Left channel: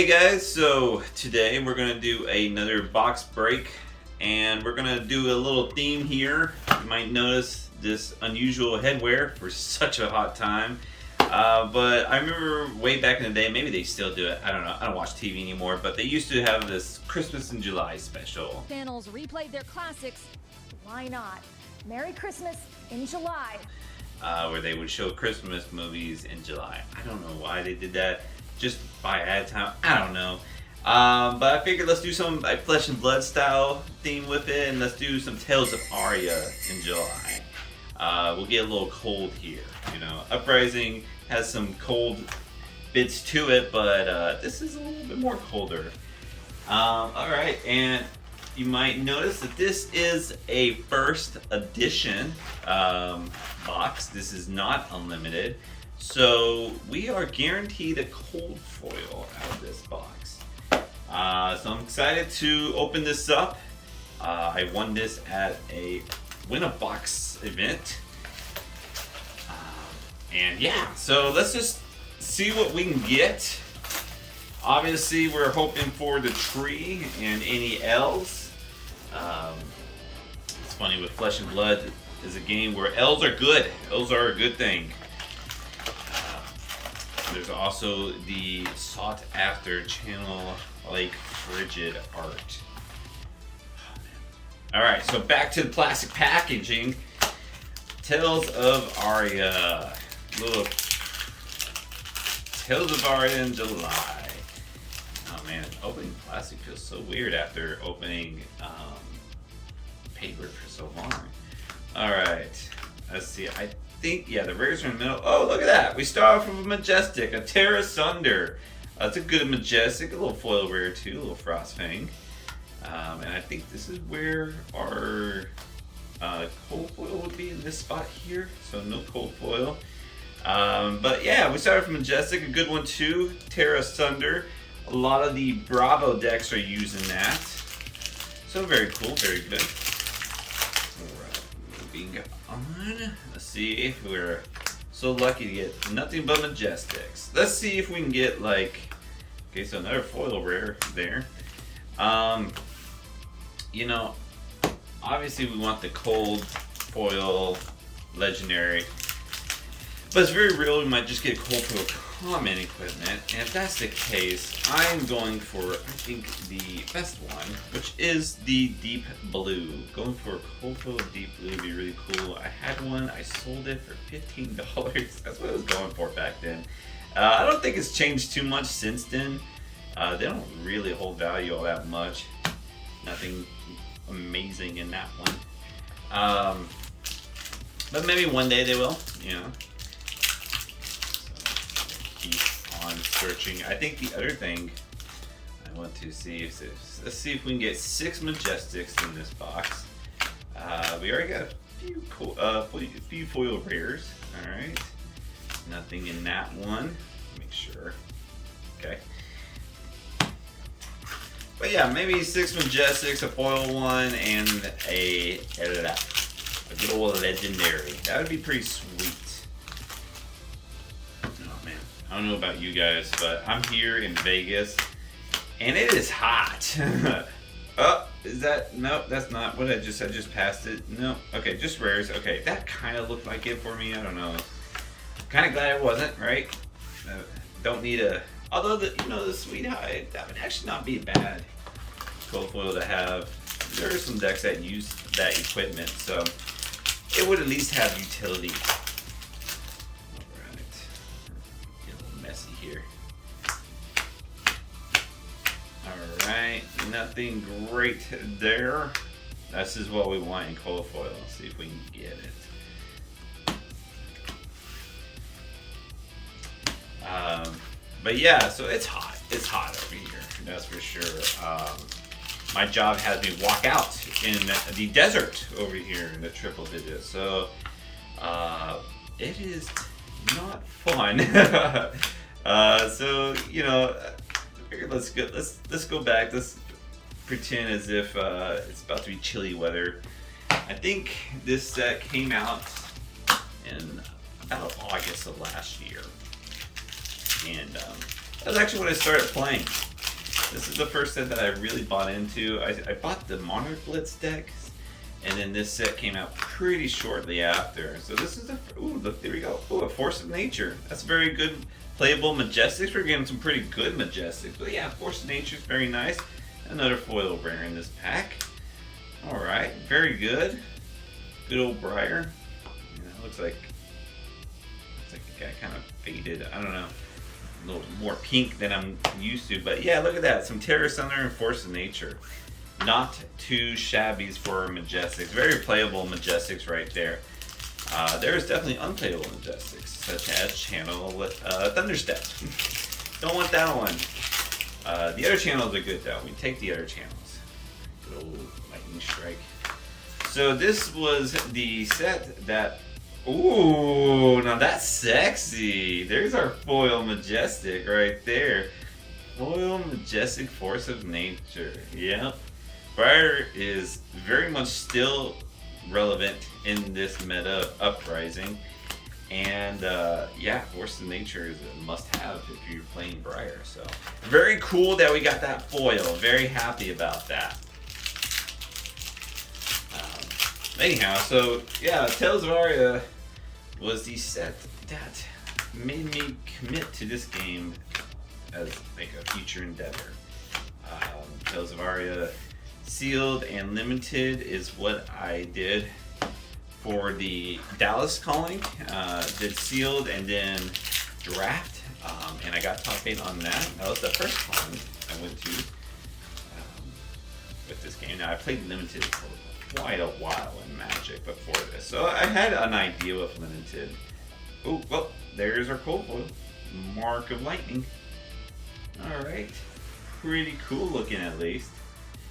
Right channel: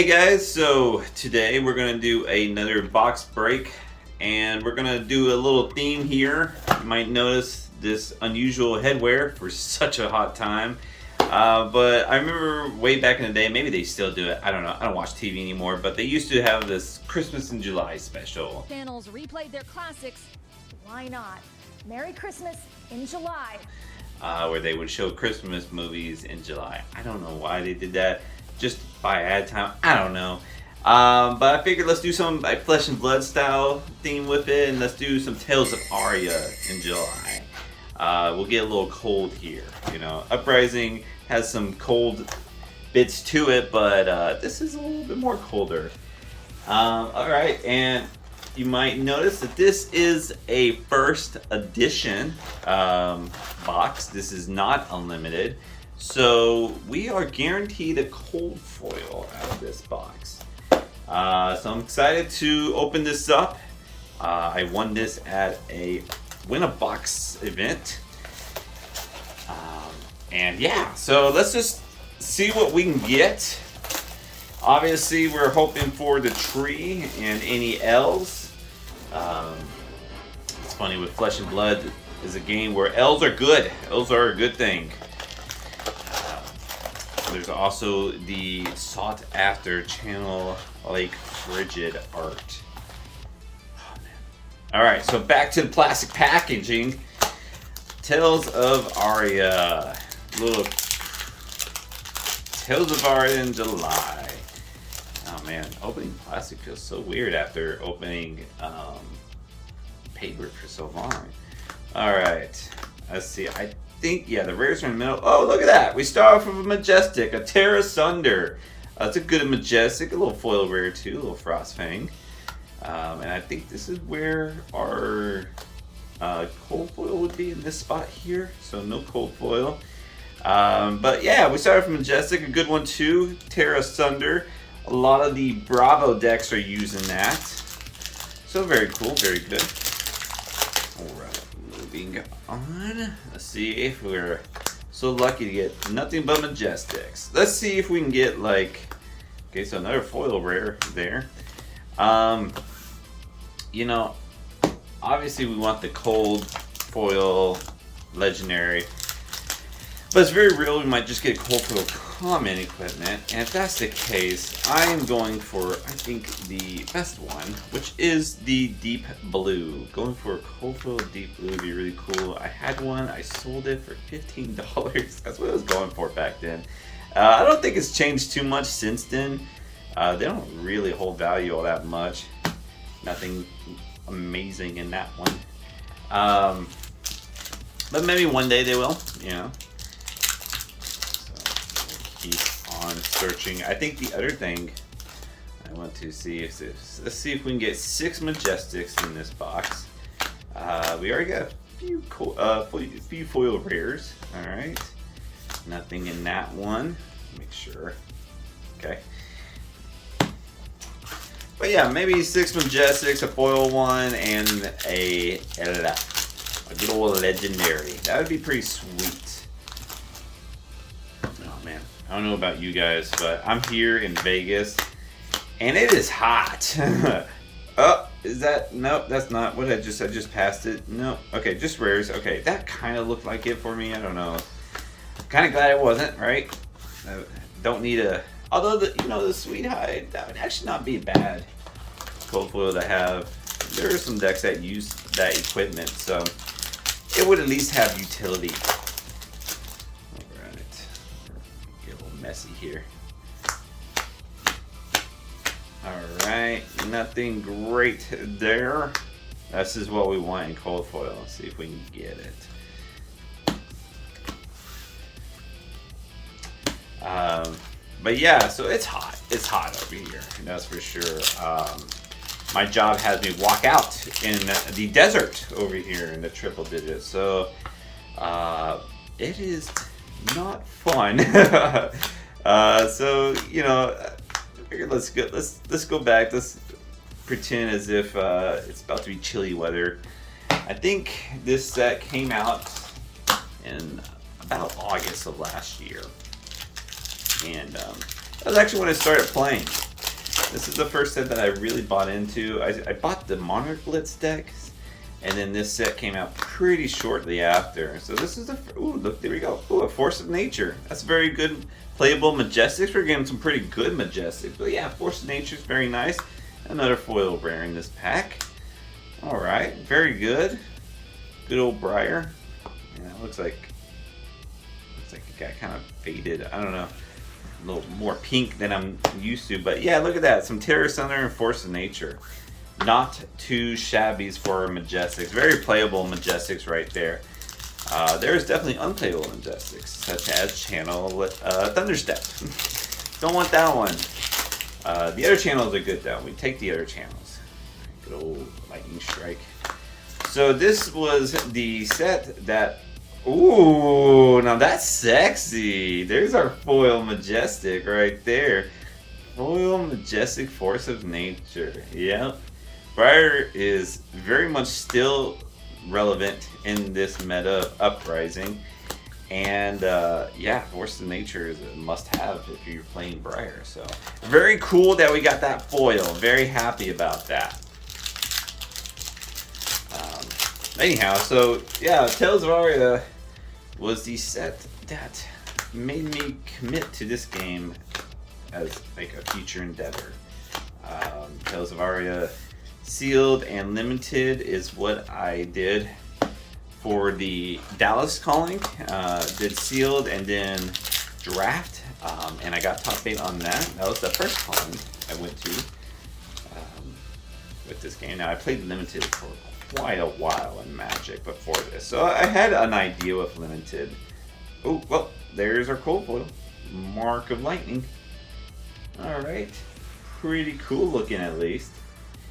Hey guys, so today we're going to do another box break and we're going to do a little theme here. You might notice this unusual headwear for such a hot time. But I remember way back in the day, maybe they still do it, I don't know, I don't watch TV anymore, but they used to have this Christmas in July special. Channels replayed their classics. Why not? Merry Christmas in July. Where they would show Christmas movies in July. I don't know why they did that. Just by ad time, I don't know. But I figured let's do some like Flesh and Blood style theme with it, and let's do some Tales of Aria in July. We'll get a little cold here, you know. Uprising has some cold bits to it, but this is a little bit more colder. Alright, and you might notice that this is a first edition box. This is not unlimited. So we are guaranteed a cold foil out of this box. So I'm excited to open this up. I won this at a win a box event. And yeah, so let's just see what we can get. Obviously we're hoping for the tree and any L's. It's funny with Flesh and Blood is a game where L's are good. L's are a good thing. There's also the sought after channel like frigid art. Alright, so back to the plastic packaging. Tales of Aria. Little Tales of Aria in July. Oh man, opening plastic feels so weird after opening paper for so long. Alright, let's see. I think, yeah, the rares are no. Oh, look at that. We start off with a Majestic, a Tear Asunder. That's a good Majestic, a little foil rare too, a little Frost Fang. And I think this is where our cold foil would be in this spot here. So no cold foil. But yeah, we started from Majestic, a good one too, Tear Asunder. A lot of the Bravo decks are using that. So very cool, very good. Alright, moving on. Let's see if we're so lucky to get nothing but Majestics. Let's see if we can get like, okay, so another foil rare there. You know, obviously we want the cold foil legendary, but it's very real we might just get cold foil common equipment, and if that's the case, I'm going for, I think, the best one, which is the deep blue. Going for a cold foil deep blue would be really cool. I had one, I sold it for $15. That's what I was going for back then. I don't think it's changed too much since then. They don't really hold value all that much. Nothing amazing in that one. But maybe one day they will, you know. Keep on searching. I think the other thing I want to see is this. Let's see if we can get 6 Majestics in this box. We already got a few foil rares. All right, nothing in that one. Make sure. Okay. But yeah, maybe 6 Majestics, a foil one, and a good old legendary. That would be pretty sweet. I don't know about you guys, but I'm here in Vegas, and it is hot. Oh, is that? Nope, that's not what I just passed it. No, okay, just rares. Okay, that kind of looked like it for me. I don't know. Kind of glad it wasn't, right? Don't need a. Although the Sweet Hide, that would actually not be bad. Cold foil to have. There are some decks that use that equipment, so it would at least have utility. Messy here. Alright, nothing great there. This is what we want in cold foil. Let's see if we can get it. But yeah, so it's hot. It's hot over here, that's for sure. My job has me walk out in the desert over here in the triple digits. So it is not fun. So you know, let's go back. Let's pretend as if it's about to be chilly weather. I think this set came out in about August of last year, and that was actually when I started playing. This is the first set that I really bought into. I bought the Monarch Blitz decks, and then this set came out pretty shortly after. So this is look, there we go. Ooh, a Force of Nature. That's very good playable Majestics. We're getting some pretty good Majestics. But yeah, Force of Nature is very nice. Another foil rare in this pack. Alright, very good. Good old Briar. Yeah, looks like it got kind of faded. I don't know. A little more pink than I'm used to. But yeah, look at that. Some Terror Summoner and Force of Nature. Not too shabby for Majestics. Very playable Majestics right there. There's definitely unplayable Majestics, such as Channel Thunderstep. Don't want that one. The other channels are good though. We take the other channels. Good old Lightning Strike. So this was the set that. Ooh, now that's sexy. There's our foil Majestic right there. Foil Majestic Force of Nature. Yep. Briar is very much still relevant in this meta of Uprising. And yeah, Force of Nature is a must-have if you're playing Briar. So very cool that we got that foil. Very happy about that. Anyhow, so yeah, Tales of Aria was the set that made me commit to this game as like a future endeavor. Tales of Aria Sealed and Limited is what I did for the Dallas calling. Did Sealed and then Draft, and I got top 8 on that. That was the first calling I went to with this game. Now I played Limited for quite a while in Magic before this, so I had an idea of Limited. Oh, well, there's our cold foil, Mark of Lightning. All right, pretty cool looking at least.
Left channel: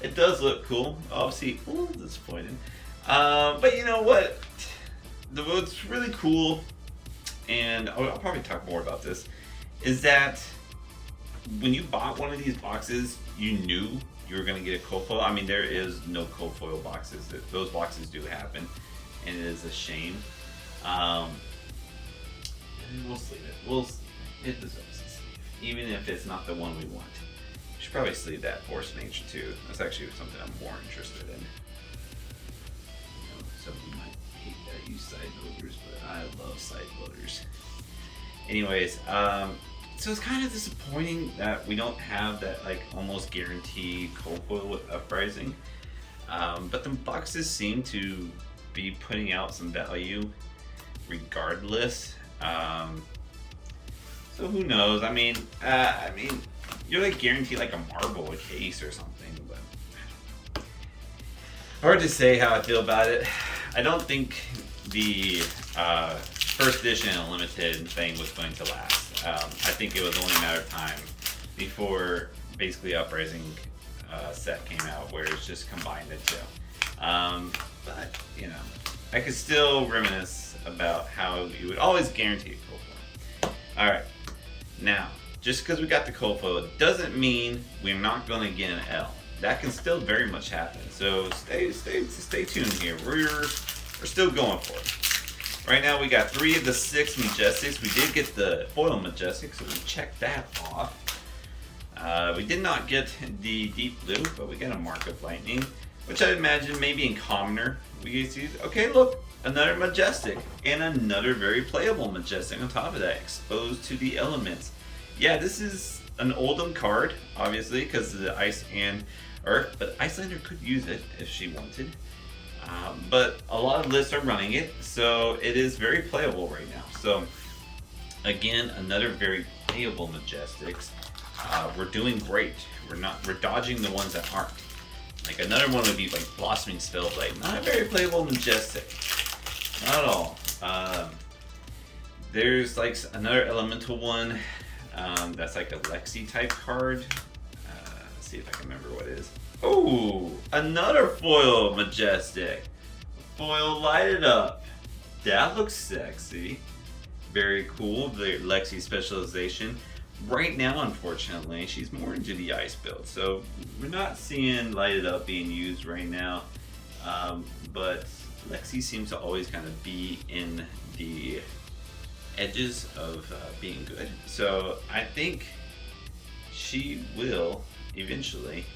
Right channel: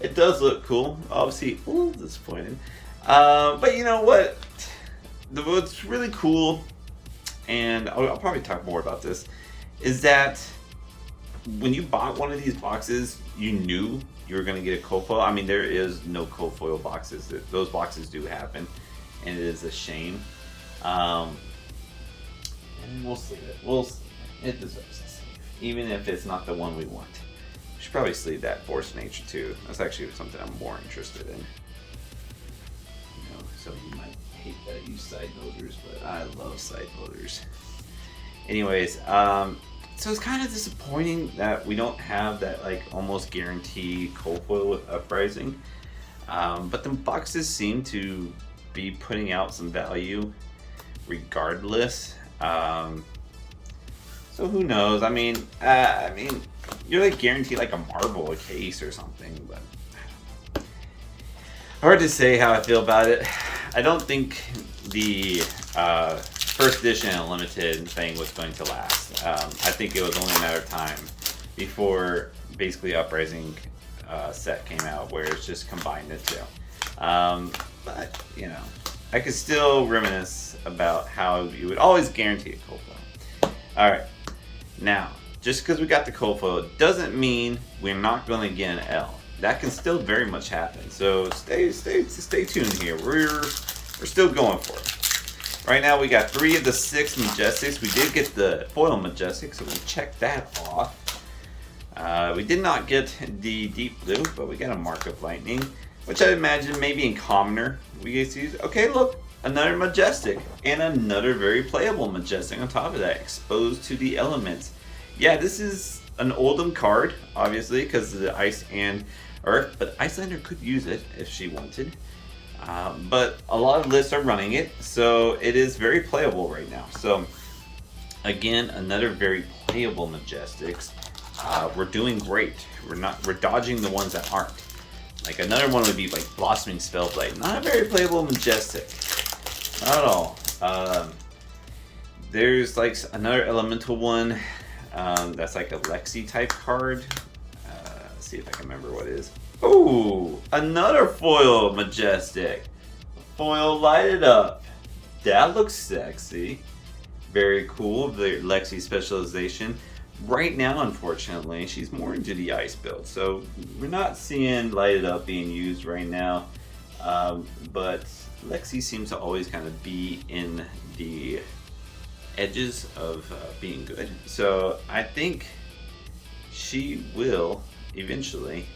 It does look cool. Obviously, ooh, disappointing. But you know what? What's really cool, and I'll probably talk more about this, is that when you bought one of these boxes, you knew you were going to get a cold foil. I mean, there is no cold foil boxes. Those boxes do happen, and it is a shame. And we'll sleeve it. It deserves a sleeve, even if it's not the one we want. We should probably sleeve that Force of Nature too. That's actually something I'm more interested in. You know, some of you might hate that I use side loaders, but I love side loaders. Anyways, so it's kind of disappointing that we don't have that like almost guaranteed cold foil with Uprising. But the boxes seem to be putting out some value regardless. So who knows? I mean, you're like guaranteed like a marble, a case or something, but hard to say how I feel about it. I don't think the first edition and limited thing was going to last. I think it was only a matter of time before basically Uprising set came out, where it's just combined the two. But you know, I could still reminisce about how you would always guarantee a cold foil. All right, now just because we got the cold foil doesn't mean we're not going to get an L. That can still very much happen. So stay tuned here. We're still going for it. Right now we got 3 of the 6 Majestics. We did get the foil Majestic, so we checked that off. We did not get the Deep Blue, but we got a Mark of Lightning, which I imagine maybe in Commoner we used to use. Okay, look, another Majestic, and another very playable Majestic on top of that, Exposed to the Elements. Yeah, this is an Oldham card, obviously, because of the Ice and Earth, but Icelander could use it if she wanted. But a lot of lists are running it, so it is very playable right now. So again, another very playable Majestics. We're doing great. We're dodging the ones that aren't. Like another one would be like Blossoming Spellblade. Not a very playable Majestic. Not at all. There's like another elemental one that's like a Lexi type card. Let's see if I can remember what it is. Oh, another foil Majestic. Foil lighted up. That looks sexy. Very cool. The Lexi specialization. Right now, unfortunately, she's more into the ice build. So we're not seeing lighted up being used right now. But Lexi seems to always kind of be in the edges of being good. So I think she will eventually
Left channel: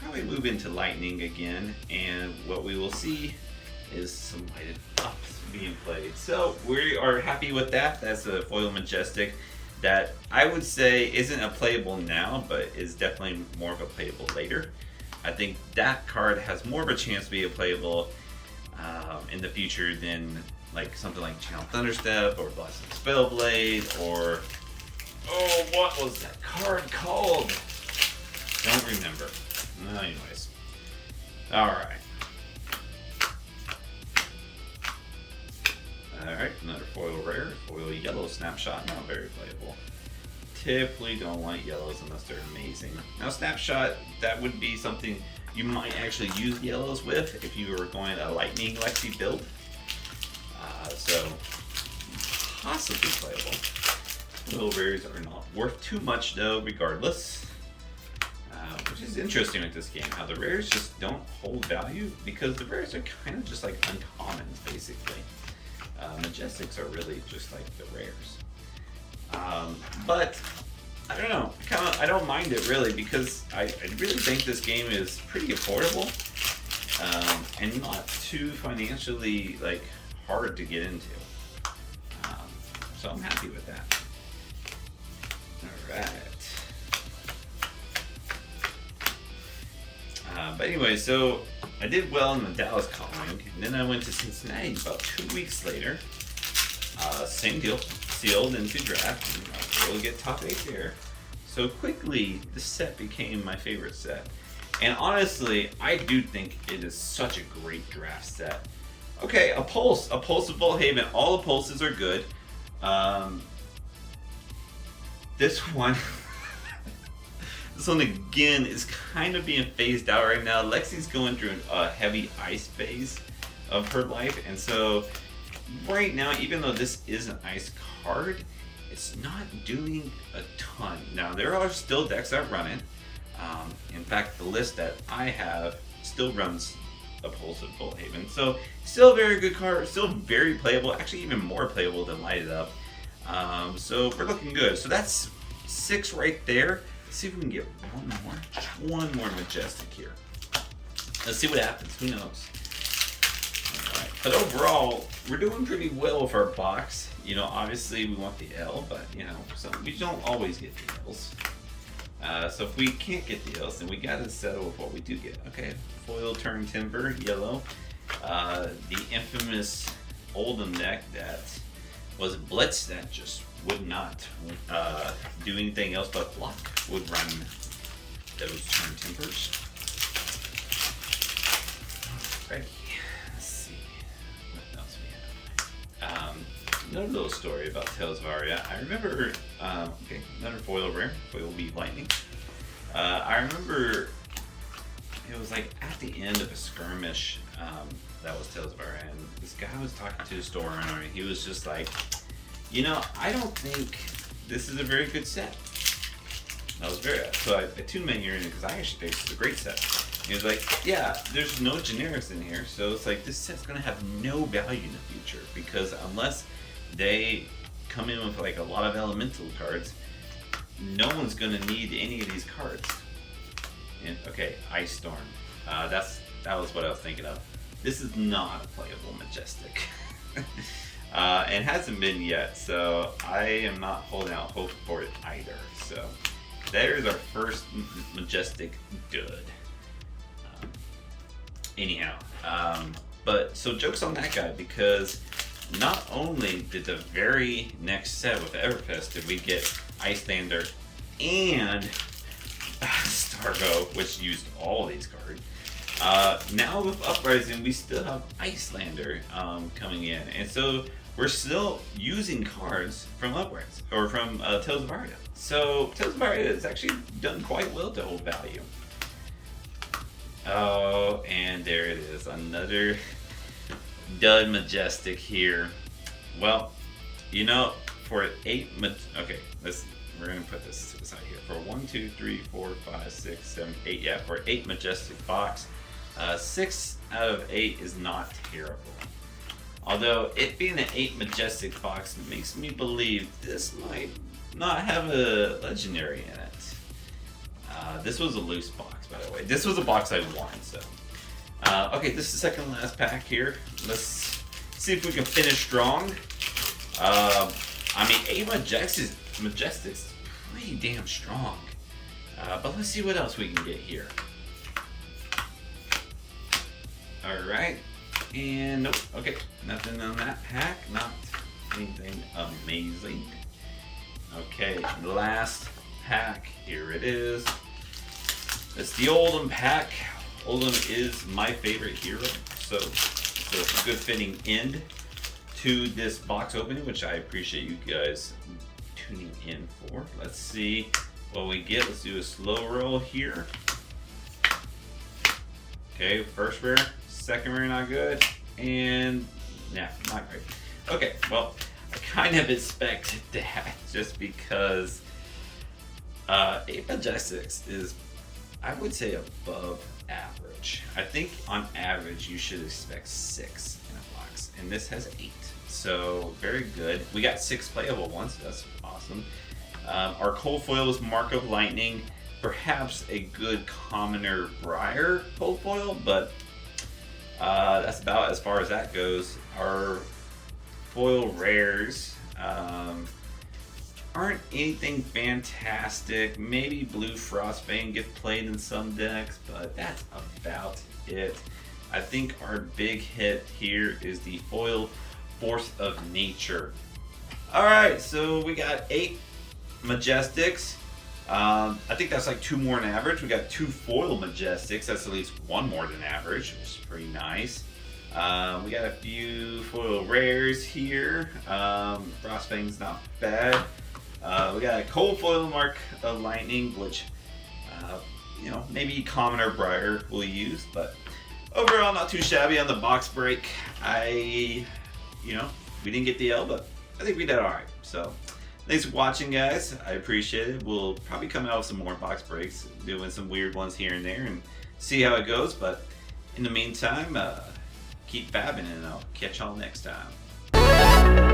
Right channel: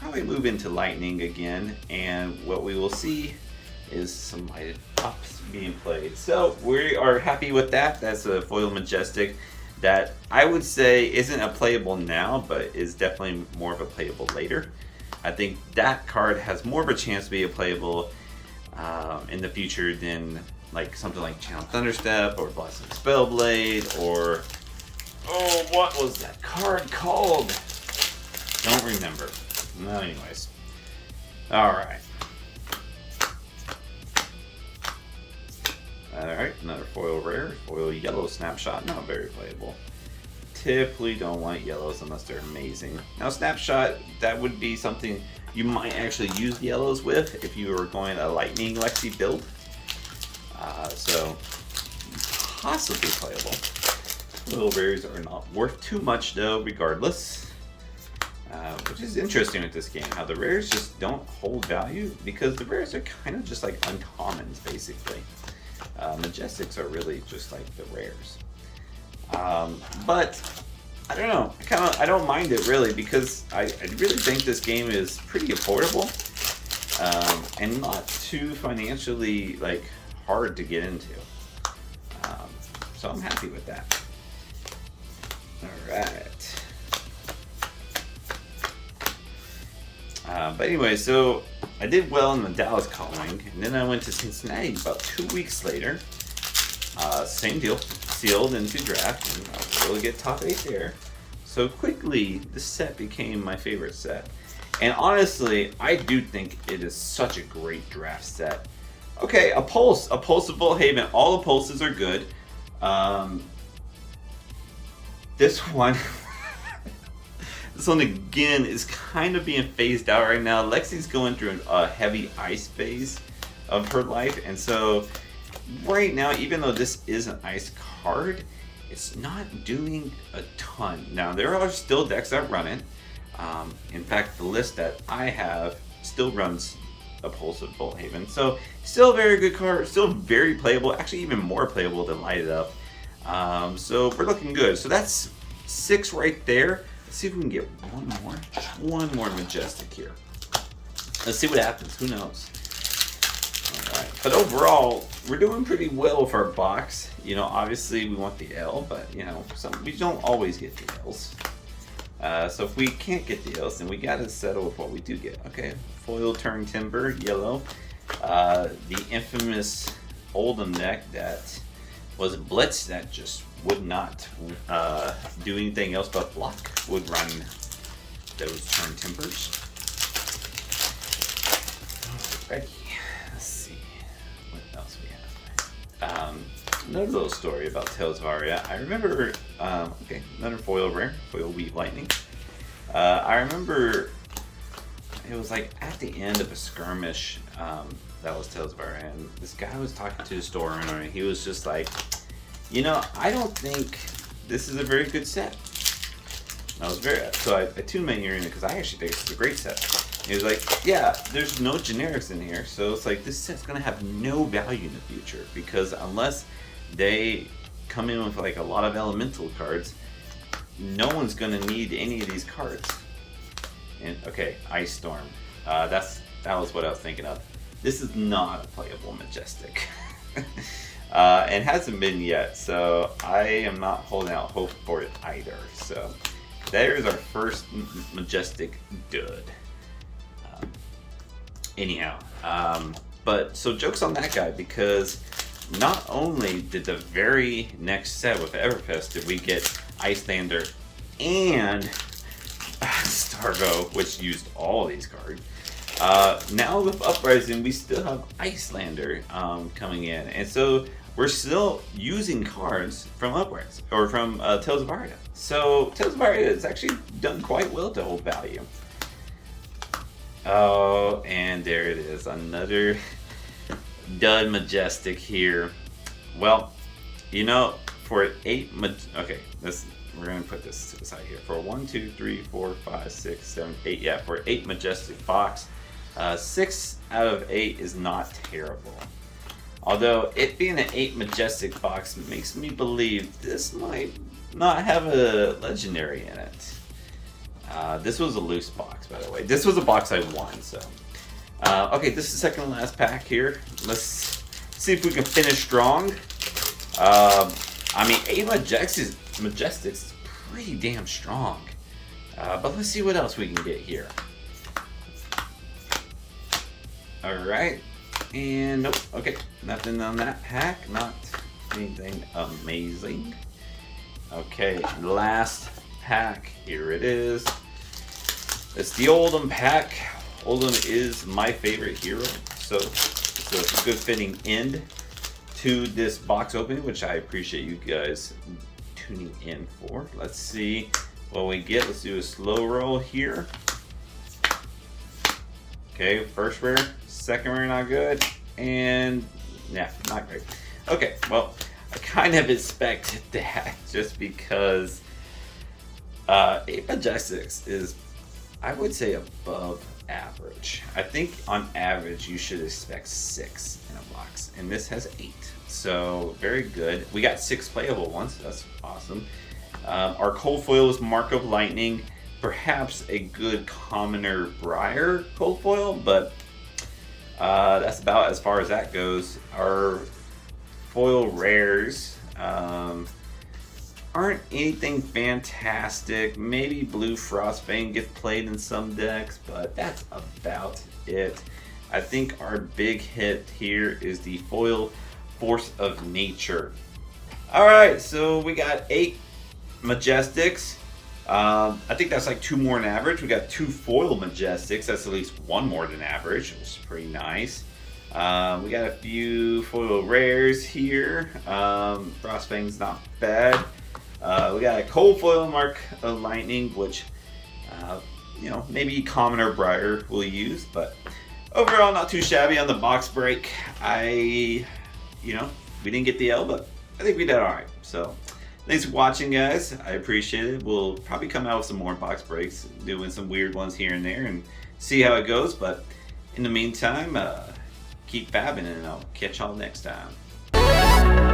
probably move into lightning again, and what we will see is some lighted pops being played. So we are happy with that. That's a foil Majestic that I would say isn't a playable now, but is definitely more of a playable later. I think that card has more of a chance to be a playable in the future than like something like Town Thunderstep or Blessing Spellblade or what was that card called? Don't remember. No, anyways. Alright. Alright, another foil rare. Foil yellow snapshot, not very playable. Typically don't like yellows unless they're amazing. Now snapshot, that would be something you might actually use yellows with if you were going a lightning Lexi build. So possibly playable. Little rares are not worth too much though, regardless. Which is interesting with this game, how the rares just don't hold value because the rares are kind of just like uncommons basically. Majestics are really just like the rares. But I don't know, I don't mind it really because I really think this game is pretty affordable and not too financially like hard to get into. So I'm happy with that. Alright. But anyway, so I did well in the Dallas calling, and then I went to Cincinnati about 2 weeks later. Same deal, sealed into draft, and I was able to get top 8 there. So quickly, this set became my favorite set. And honestly, I do think it is such a great draft set. Okay, a pulse of Volhaven. All the pulses are good. This one... This one again is kind of being phased out right now. Lexi's going through a heavy ice phase of her life, and so right now, even though this is an ice card, it's not doing a ton. Now there are still decks that run it. In fact, the list that I have still runs a Pulse of Volhaven, so still a very good card, still very playable. Actually, even more playable than Light It Up. So we're looking good. So that's 6 right there. Let's see if we can get one more Majestic here. Let's see what happens. Who knows? All right. But overall, we're doing pretty well with our box. You know, obviously we want the L, but you know, we don't always get the L's. So if we can't get the L's, then we gotta settle with what we do get. Okay, foil turn timber, yellow. The infamous Oldham deck that was Blitz that just would not do anything else but block, would run those turn timbers. Alrighty, let's see what else we have. Another little story about Tales of Aria. I remember, okay, another foil rare, foil Wheat Lightning. I remember it was like at the end of a skirmish that was Tales of Aria, and this guy was talking to the store owner, and he was just like, you know, I don't think this is a very good set. So I tuned my ear in because I actually think this is a great set. And he was like, yeah, there's no generics in here, so it's like this set's gonna have no value in the future because unless they come in with like a lot of elemental cards, no one's gonna need any of these cards. And okay, Ice Storm. That was what I was thinking of. This is not a playable Majestic. And hasn't been yet, so I am not holding out hope for it either. So there's our first Majestic dud. Anyhow, but so joke's on that guy because not only did the very next set with Everfest did we get Icelander and Stargo, which used all these cards. Now with Uprising, we still have Icelander coming in, and so we're still using cards from Uprising or from Tales of Aria. So Tales of Aria has actually done quite well to hold value. Oh, and there it is, another dud Majestic here. Well, you know, for 8 okay, we're gonna put this to the side here. For 1, 2, 3, 4, 5, 6, 7, 8, yeah, for 8 Majestic box, 6 out of 8 is not terrible. Although it being an 8 Majestic box makes me believe this might not have a legendary in it. This was a loose box, by the way. This was a box I won, so. Okay, this is the second and last pack here. Let's see if we can finish strong. I mean, 8 Majestics is pretty damn strong. But let's see what else we can get here. Alright. And nope. Okay, nothing on that pack. Not anything amazing. Okay, last pack. Here it is. It's the Oldhim pack. Oldhim is my favorite hero, so it's a good fitting end to this box opening, which I appreciate you guys tuning in for. Let's see what we get. Let's do a slow roll here. Okay, first rare, second rare not good, and yeah, not great. Okay, well, I kind of expected that just because 8 Majestics is, I would say, above average. I think on average you should expect 6 in a box, and this has 8, so very good. We got 6 playable ones. That's awesome. Our cold foil is Mark of Lightning, perhaps a good commoner Briar cold foil, but that's about as far as that goes. Our foil rares aren't anything fantastic. Maybe Blue Frostbane gets played in some decks, but that's about it. I think our big hit here is the foil Force of Nature. Alright, so we got 8 Majestics. I think that's like 2 more than average. We got 2 foil Majestics. That's at least 1 more than average, which is pretty nice. We got a few foil rares here. Frostbane's not bad. We got a cold foil Mark of Lightning, which you know, maybe commoner Briar will use, but overall not too shabby on the box break. We didn't get the L, but I think we did all right. So thanks for watching, guys. I appreciate it. We'll probably come out with some more box breaks, doing some weird ones here and there, and see how it goes. But in the meantime, keep fabbing, and I'll catch y'all next time.